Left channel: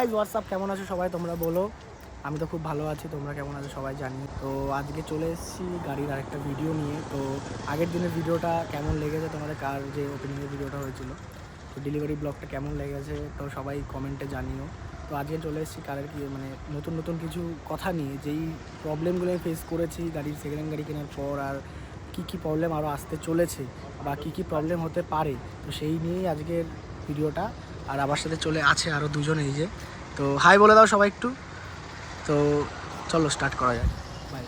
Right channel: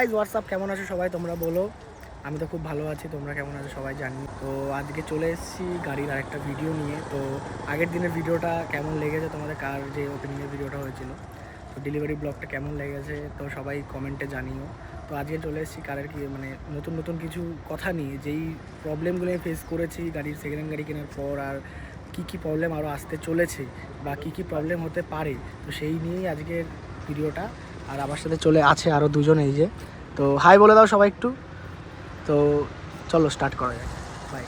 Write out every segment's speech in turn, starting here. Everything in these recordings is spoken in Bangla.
গাইজ হোয়াটসঅ্যাপ, কেমন আছো সবাই? তোমরা বলো। আমি তো খুব ভালো আছি, তোমরা কেমন আছো সবাই জানি। তো আজকে চলে এসেছি গাড়ির আরেকটা ভিডিও নিয়ে। তো আগের দিনের ভিডিওটা কেমন লেগেছে তোমাদের, কার যে ওপেনিংয়ের ভিডিওটা হয়েছিল, তো ডেলিভারি ব্লগটা কেমন লেগেছে তো সবাই কমেন্টে জানিও। তো আজকে চলে এসেছি কারের কি মানে নতুন নতুন কিছু কথা নিয়ে, যেই প্রবলেমগুলো ফেস করেছি গাড়ির সেকেন্ড হ্যান্ড গাড়ি কেনার পর, আর কী প্রবলেম আরও আসতে চলেছে বা কী প্রবলেম হতে পারে, তো সেই নিয়েই আজকের ভিডিওটা। আর আমার সাথে চলে আছে আরও দুজন, এই যে। তো হাই বলে দাও সবাই একটু। তো চলো স্টার্ট করা যায়, বাই।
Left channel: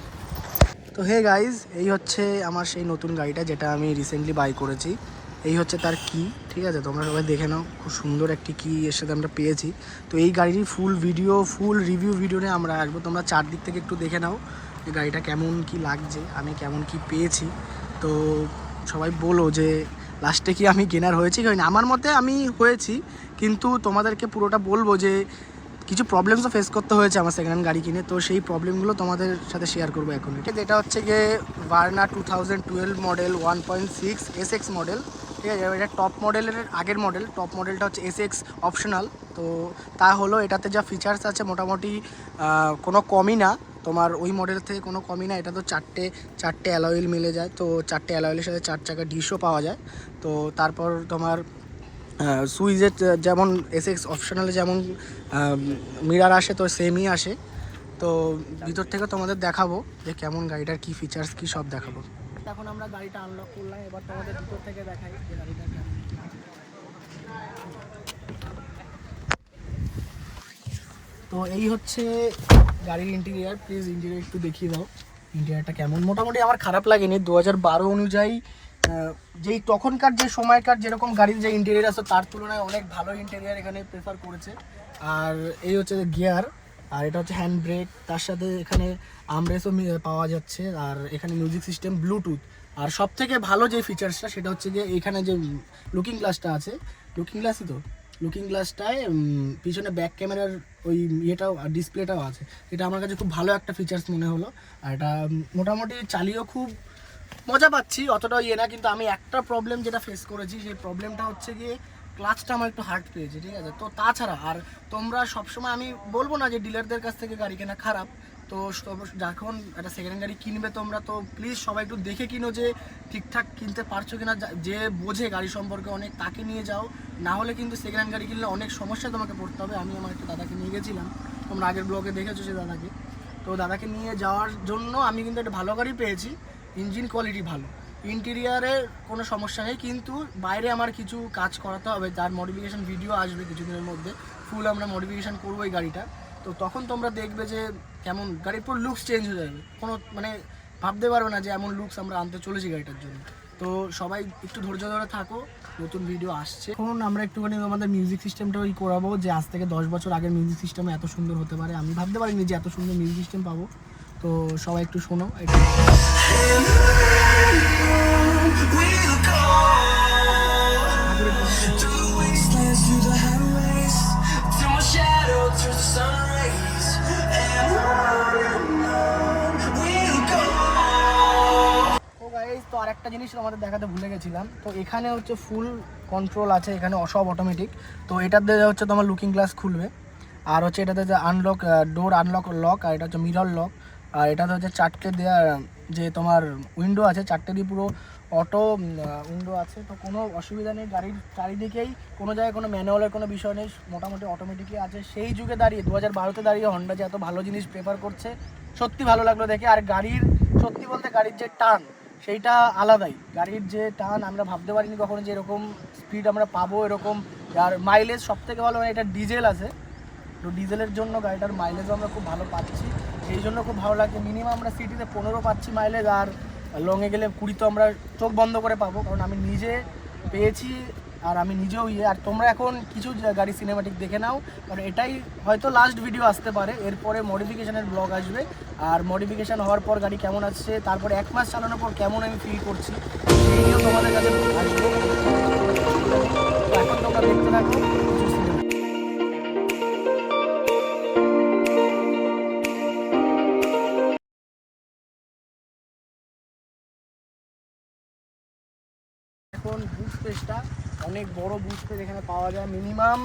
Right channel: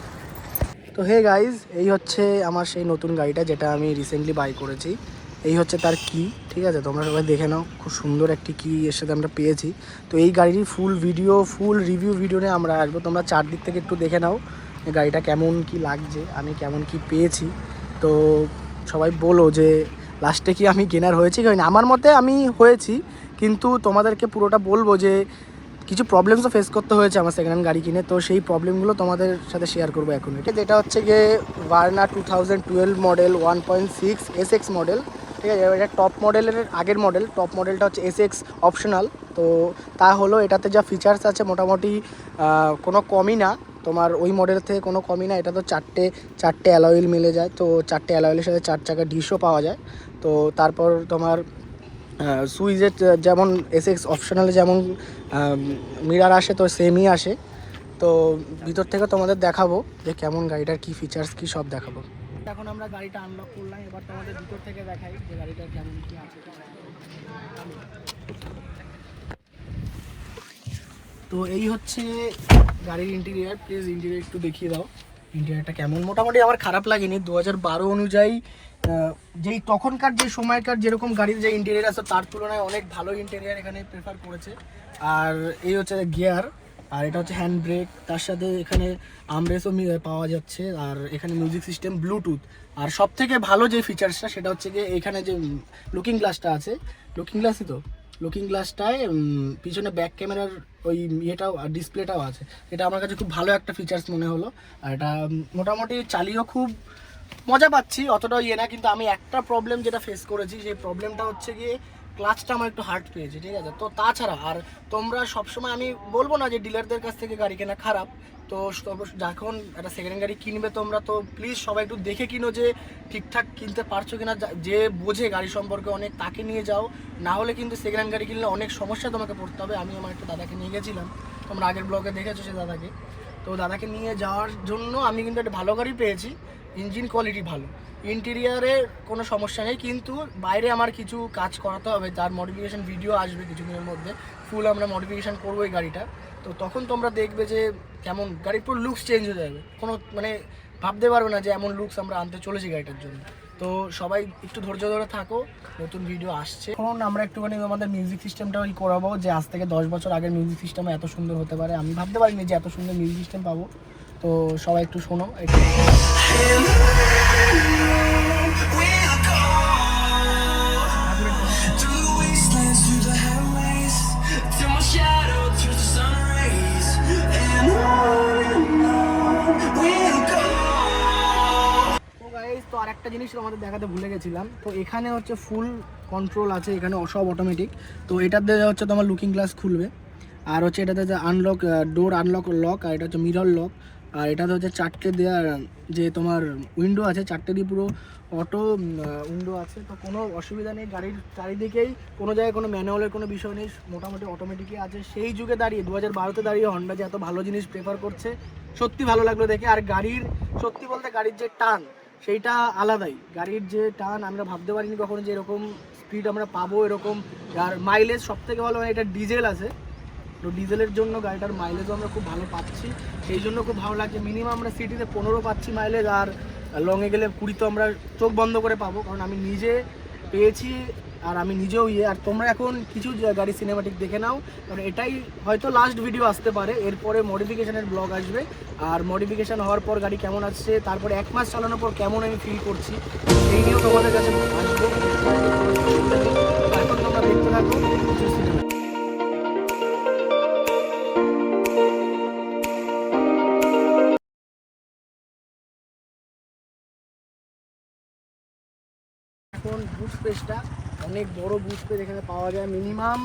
তো হে গাইজ, এই হচ্ছে আমার সেই নতুন গাড়িটা যেটা আমি রিসেন্টলি বাই করেছি। এই হচ্ছে তার কি, ঠিক আছে? তোমরা সবাই দেখে নাও, খুব সুন্দর একটি কি এর সাথে আমরা পেয়েছি। তো এই গাড়ির ফুল ভিডিও, ফুল রিভিউ ভিডিও নিয়ে আমরা আসবো। তোমরা চারদিক থেকে একটু দেখে নাও গাড়িটা কেমন কি লাগছে, আমি কেমন কি পেয়েছি। তো সবাই বলো যে লাস্টে কি আমি কেনার হয়েছি কি হয়নি। আমার মতে আমি হয়েছি, কিন্তু তোমাদেরকে পুরোটা বলবো যে কিছু প্রবলেমসও ফেস করতে হয়েছে আমার সেকেন্ড হ্যান্ড গাড়ি কিনে। তো সেই প্রবলেমগুলো তোমাদের সাথে শেয়ার করবো এখন। এটা হচ্ছে গিয়ে ভার্না 2012 মডেল 1.6 SX মডেল, ঠিক আছে? এটা টপ মডেলের আগের মডেল। টপ মডেলটা হচ্ছে SX অপশনাল। তো তা হলো এটাতে যা ফিচার্স আছে মোটামুটি কোনো কমই না, তোমার ওই মডেল থেকে কোনো কমই না। এটা তো চারটে অ্যালয়েল মিলে যায়, তো চারটে অ্যালয়েলের সাথে 4 চাকা ডিশও পাওয়া যায়। তো তারপর তোমার সুইচের যেমন এসএক্স অপশনালে যেমন মিরার আসে, তো সেমই আসে। তো ভিতর থেকে তোমাদের দেখাবো যে কেমন গাড়িটার কি ফিচার্স কি সব দেখাবো। এখন আমরা গাড়িটা আনলক করলাম, এবার তোমাদের ভিতর থেকে দেখাই যে গাড়িটা কেমন কি আছে। তো এই হচ্ছে গাড়ির ইন্টেরিয়ার। প্লিজ ইন্টেরিয়ার একটু দেখিয়ে দাও, ইন্টেরিয়ারটা কেমন। মোটামুটি আমার খারাপ লাগেনি। 2012 অনুযায়ী যেই তখনকার যে সময়কার যেরকম গাড়ির যে ইন্টেরিয়ার আছে তার তুলনায় অনেক ভালো ইন্টেরিয়ার এখানে প্রেফার করেছে। আর এই হচ্ছে গিয়ার, আর এটা হচ্ছে হ্যান্ড ব্রেক, তার সাথে এখানে আর্মরেস্টও পাওয়া যাচ্ছে। আর এখানে মিউজিক সিস্টেম, ব্লুটুথ। আর সব থেকে ভালো যে ফিচার্সটা সেটা হচ্ছে যে এখানে যে লুকিং গ্লাসটা আছে, লুকিং গ্লাসই তো, লুকিং গ্লাসটায় পিছনে ব্যাক ক্যামেরার ওই ইয়েটাও ডিসপ্লেটাও আছে। এটা আমার কাছে খুব ভালো একটা ফিচার্স মনে হলো। আর এটা মোটামুটি চালিয়েও খুব মজা পাচ্ছি, অতটাও ইয়ে না। কিন্তু আমি একটা প্রবলেম যেটা ফেস করেছি, সেই প্রবলেমটা হচ্ছে গিয়ে ক্লাচটা আমার একটু হার্ড পেয়েছে, ঠিক আছে? তো তাছাড়া আর তোমরা সবসময়, আমি বলবো না যে ডিলারদের কাছ থেকে গাড়ি কেনা খারাপ। তো যখন একটা সেকেন্ড হ্যান্ড গাড়ি কিনবে তোমরা, তো প্লিজ সবাই একটু দেখে কিনো যে ঠিকঠাক কিনতে পারছো কিনা। যে বোঝে গাড়ি সম্পর্কে অনেক, তাকে নিয়ে যাও। না হলে কিন্তু সেকেন্ড হ্যান্ড গাড়ি কিনলে অনেক সমস্যা তোমাকে পড়তে হবে। আমি আমার একটা দাদাকে নিয়ে গেছিলাম, তোমরা আগের ব্লগে দেখেছো সে দাদাকে। তো দাদাকে নিয়ে যাওয়ার জন্য আমি কিন্তু একটা ভালো গাড়ি পেয়েছি। ইঞ্জিন কোয়ালিটি ভালো, ইন্টেরিয়ারে কোনো সমস্যা নেই, কিন্তু বাইরে আমার কিছু কাজ করাতে হবে, যার মডিফিকেশান ভিডিও আসবে কিছুদিনের মধ্যে। ফুল আমরা মডিফিকেশান করবো এই গাড়িটার। তো তখন তোমরা দেখবে যে কেমন গাড়ির পুরো লুকস চেঞ্জ হয়ে যাবে। কোনো মানে ভাবতে পারবে না যে এমন লুকস আমরা আনতে চলেছি গাড়িটার জন্য। তো সবাই একটু ধৈর্য ধরে থাকো, নতুন ভিডিও আসছে। এখন আমরা একটুখানি আমাদের মিউজিক সিস্টেমটাও করাবো, যে আজ থেকে 10 বছর আগের মিউজিক সিস্টেম এত সুন্দর হতে পারে। আমি ভাবতে পারিনি যে এত সুন্দর মিউজিক সিস্টেম পাবো। তো সবাই একটু শোনো। তো আরেকটা জিনিস আমাদের দেখাতে ভুলে গেছিলাম। তো এখানে হচ্ছে ফুল কন্ট্রোল আছে, এখানে সব অটোমেটিক। তো এটাতে হচ্ছে তোমার লুকিং গ্লাস খুলবে, আর হচ্ছে এটাতে যে আনলক, ডোর আনলক লক, আর এটা হচ্ছে মিরর লক। আর এটাতে হচ্ছে 4টে দেওয়া যে তোমার উইন্ডো আছে, 4টে দিয়ে পুরো অটো উইন্ডো আছে। তো কোনো অসুবিধা নেই, গাড়ির চারিদিকেই কোনো জায়গায় কোনো ম্যানুয়ালের কোনো বিষয় নেই, মোটামুটি অটোমেটিকই আছে। সেই যুগে দাঁড়িয়ে 2012তে দাঁড়িয়ে হন্ডা যে এত ভালো জিনিস প্রেফার করছে, সত্যি ভালো লাগলো দেখে। আর গাড়ির সত্যি বলতে গাড়ির যে টান সেইটা আলাদাই। গাড়ির যে টান আমরা ভাবতে পারিনি কখনো যে এরকম স্পিড আমরা পাবো, এরকম। আর মাইলেজ সব থেকে ভালো, মানে এটা ডিজেল আছে, তো ডিজেলের জন্য গাড়িটার মাইলেজও আমরা খুব ভালো পাচ্ছি, সেই জন্য খুব ভালো লাগছে। মিনিমাম আমরা সিটিতে 15 পাচ্ছি মাইলেজ, আর লংয়ে গেলে 20 তো আমরা চোখ বন্ধ করে পাবো, কারণ আমি নিজে পেয়েছি। আর আমি নিজেও আর তোমরা এখন কিছু গাড়ি সিনেমাটিক দেখে নাও, কারণ এটাই হয়তো লাস্ট ভিডিও আসতে পারে। এরপরে মডিফিকেশানের ব্লগ আসবে, আর মডিফিকেশান হওয়ার পর গাড়ি কেমন আসছে, তারপরে 1 মাস চালানোর পর কেমন আমি ফিল করছি, সেইগুলো তোমাদের কাছে আসবে। এখন তোমরা দেখতে থাকো কিছু সিনেমা। এখন বুট স্পেসটা অনেক বড় বুট স্পেস এখানে পাওয়া যায়, মিনিমাম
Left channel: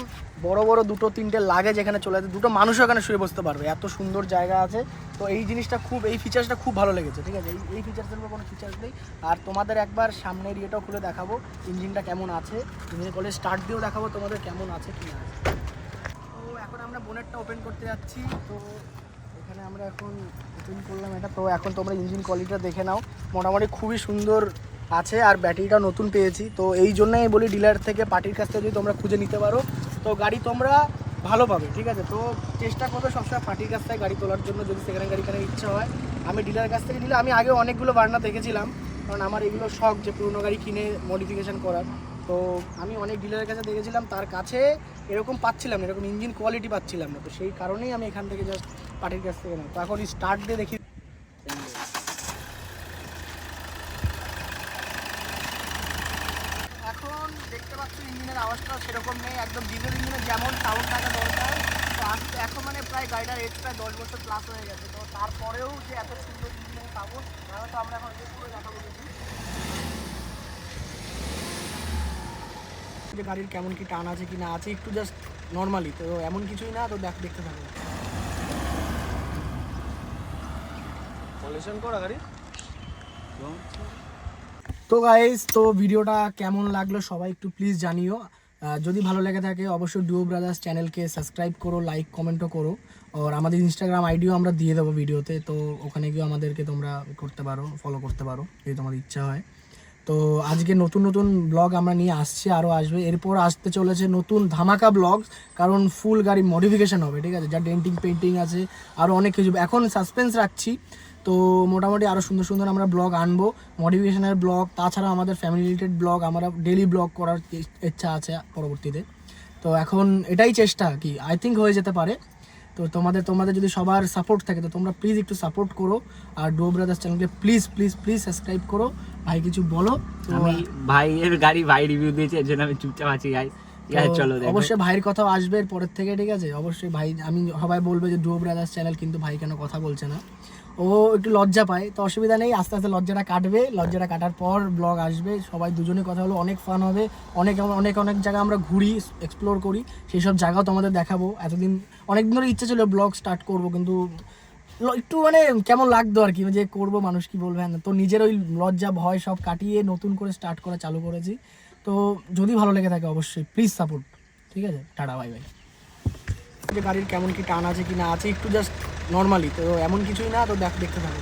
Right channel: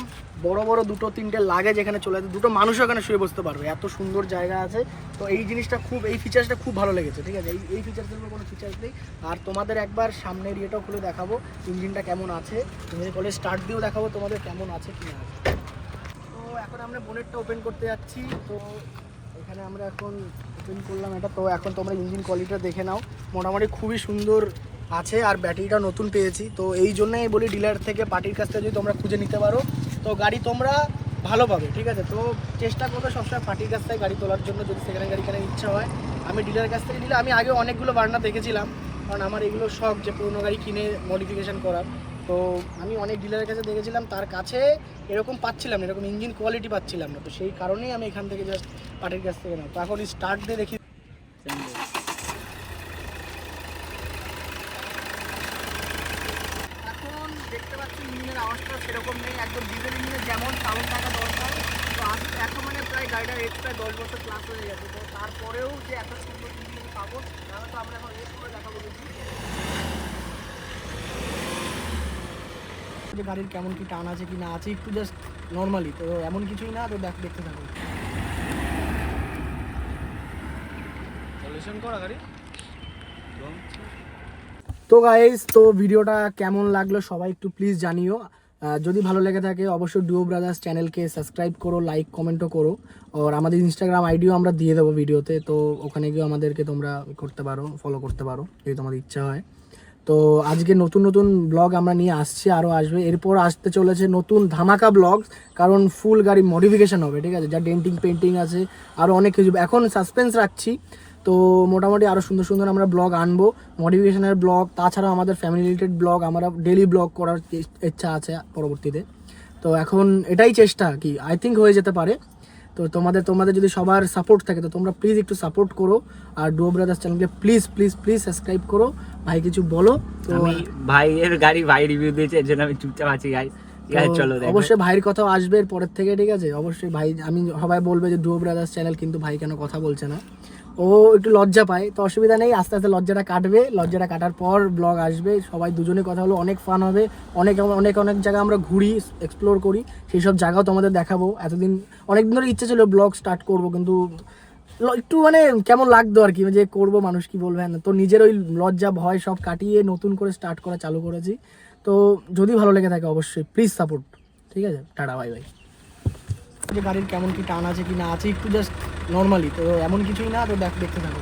বড় বড় 2-3টে লাগে যেখানে চলে যায়, 2টো মানুষও এখানে শুয়ে বসতে পারবে, এত সুন্দর জায়গা আছে। তো এই জিনিসটা খুব, এই ফিচার্সটা খুব ভালো লেগেছে, ঠিক আছে। এই ফিচার্সের উপর কোনো ফিচার্স নেই। আর তোমাদের একবার সামনের ইয়েটাও খুলে দেখাবো ইঞ্জিনটা কেমন আছে, ইঞ্জিন কলে স্টার্ট দিয়েও দেখাবো তোমাদের কেমন আছে কি না আছে। তো এখন আমরা বোনেটটা ওপেন করতে যাচ্ছি। তো এখানে আমরা এখন ওপেন করলাম এটা। তো এখন তোমরা ইঞ্জিন কোয়ালিটিটা দেখে নাও, মোটামুটি খুবই সুন্দর আছে। আর ব্যাটারিটা নতুন পেয়েছি, তো এই জন্যই বলি ডিলার থেকে, পার্টির কাছ থেকে যদি তোমরা খুঁজে নিতে পারো তো গাড়ি তোমরা ভালো পাবে, ঠিক আছে। তো চেষ্টা করবে সবসময় পার্টির কাছ থেকে গাড়ি তোলার জন্য, যদি সেকেন্ড হ্যান্ড গাড়ি কেনার ইচ্ছা হয়। আমি ডিলারের কাছ থেকে নিলে, আমি আগে অনেকগুলো বার্না দেখেছিলাম, কারণ আমার এগুলো শখ যে পুরোনো গাড়ি কিনে মডিফিকেশান করার। তো আমি অনেক ডিলারের কাছে দেখেছিলাম, তার কাছে এরকম পাচ্ছিলাম না, এরকম ইঞ্জিন কোয়ালিটি পাচ্ছিলাম না। তো সেই কারণেই আমি এখান থেকে জাস্ট পার্টির কাছ থেকে নেই। তো এখন স্টার্ট দিয়ে দেখি। এখন দেখতে পাচ্ছি ইঞ্জিনের আওয়াজটা সেরকম নেই, একদম ডিজেল ইঞ্জিনের যেমন সাউন্ড থাকা দরকার। তো আমি এখন মানে প্রায় গাড়িটার এজ প্রায় 10 বছর প্লাস হয়ে গেছে। তো তারপরেও যে এত সুন্দর ইঞ্জিন পাবো, তাহলে তো আমরা এখন রেস করে দেখাবো দেখি যে গাড়ির কেমন কি টান আছে কি না আছে, একটু জাস্ট নর্মালি। তো এমন কিছুই না, তো দেখতে থাকো। তো গাইস, তো ভিডিওটা কেমন লাগলো সবাই একটু প্লিজ জানিও। যদি ভালো লেগে থাকে অবশ্যই ডুও ব্রাদার্স চ্যানেলকে সাবস্ক্রাইব করো, লাইক কমেন্টও করো। আর আমাদের ইনস্টাগ্রাম আইডিও আমরা দিয়ে দেবো ভিডিওতে, তো ওখানে গিয়ে আমাদেরকে তোমরা করতে পারো, ফলো করতে পারো যদি তোমাদের ইচ্ছা হয়। তো আজকে নতুন নতুন ব্লগ আমরা নিয়ে আসছি, আরও আসবে, এরপর আসতে চলেছে নতুন ধামাকা ব্লগ, কারণ ফুল গাড়ি মডিফিকেশান হবে, ঠিক আছে। যা ডেন্টিং পেন্টিং আছে, আরও অনেক কিছু এখন সাসপেন্স রাখছি। তো মোটামুটি আরও সুন্দর সুন্দর আমরা ব্লগ আনবো, মডিফিকেশনের ব্লগ, তাছাড়াও আমাদের ফ্যামিলি রিলেটেড ব্লগ, আমরা ডেলি ব্লগ করার ইচ্ছা আছে পরবর্তীতে। তো এখন এটাই চেষ্টা, কি আই থিঙ্ক হয়ে যেতে পারে। তো তোমাদের যদি সবার সাপোর্ট থাকে তো তোমরা প্লিজ একটু সাপোর্ট করো, আর ডুও ব্রাদার্স চ্যানেলকে প্লিজ প্লিজ প্লিজ সাবস্ক্রাইব করো। ভাই কিছু বলো। আমি ভাইয়ের গাড়ি ভাই রিভিউ দিয়েছে, এর জন্য আমি চুপচাপ আছি। চলো, অবশ্যই ভাইয়ের কথাও আসবে এর পরের থেকে, ঠিক আছে। অবশ্যই ভাই, আমি সবাই বলবে যে ডুও ব্রাদার্স চ্যানেল, কিন্তু ভাই কেন কথা বলছে না, ও একটু লজ্জা পায়। তো অসুবিধা নেই, আস্তে আস্তে লজ্জাটা কাটবে, লজ্জাটা কাটার পর ব্লগ আসবে, সবাই দুজনে কথা হলো, অনেক ফান হবে। অনেক অনেক অনেক জায়গা আমরা ঘুরি, এক্সপ্লোর করি, সেই সব জায়গাও তোমাদের দেখাবো। এতদিন অনেকদিন ধরে ইচ্ছে ছিল ব্লগ স্টার্ট করব, কিন্তু একটু মানে কেমন লাগতো আর কি, যে করবো মানুষ কি বলবে না। তো নিজের ওই লজ্জা ভয় সব কাটিয়ে নতুন করে স্টার্ট করা চালু করেছি। তো যদি ভালো লেগে থাকে অবশ্যই প্লিজ সাপোর্ট, ঠিক আছে। Tata, bye bye. যে গাড়ির কেমন কি টান আছে কি না আছে, একটু জাস্ট নর্মালি। তো এমন কিছুই না, তো দেখতে থাকো।